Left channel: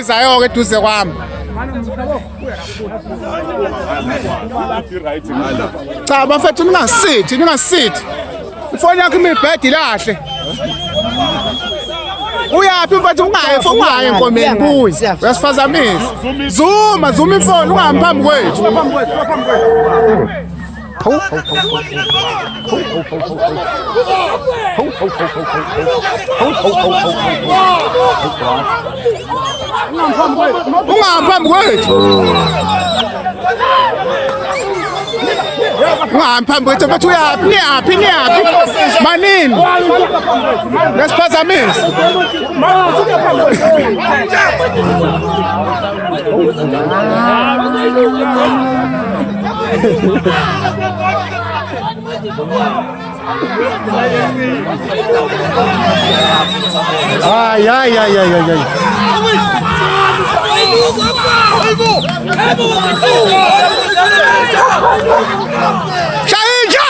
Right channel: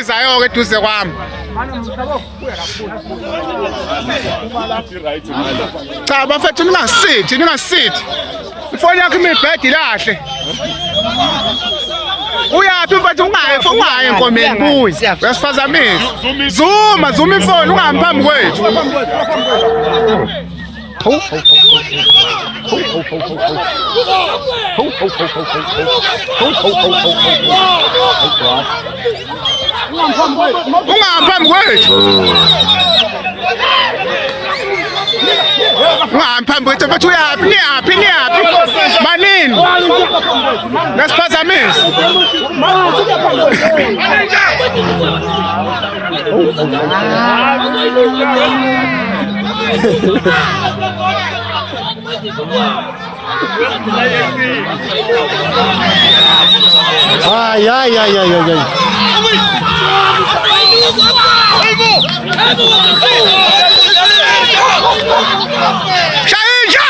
Izayo ke duze kwami. Cha bafethu ningasithi. Ifoni yakho imibhedi lahle. Uyaphi mfethu ungaye enkomeni buyi. Uyasifazamisa. Zuma ifoni ungahambi phambi kwethu. Ungahambi phambi kwethu. Ungahambi phambi kwethu mfethu uyaphi niyaphi manini nesiphazamisa. Ai. Shahinja!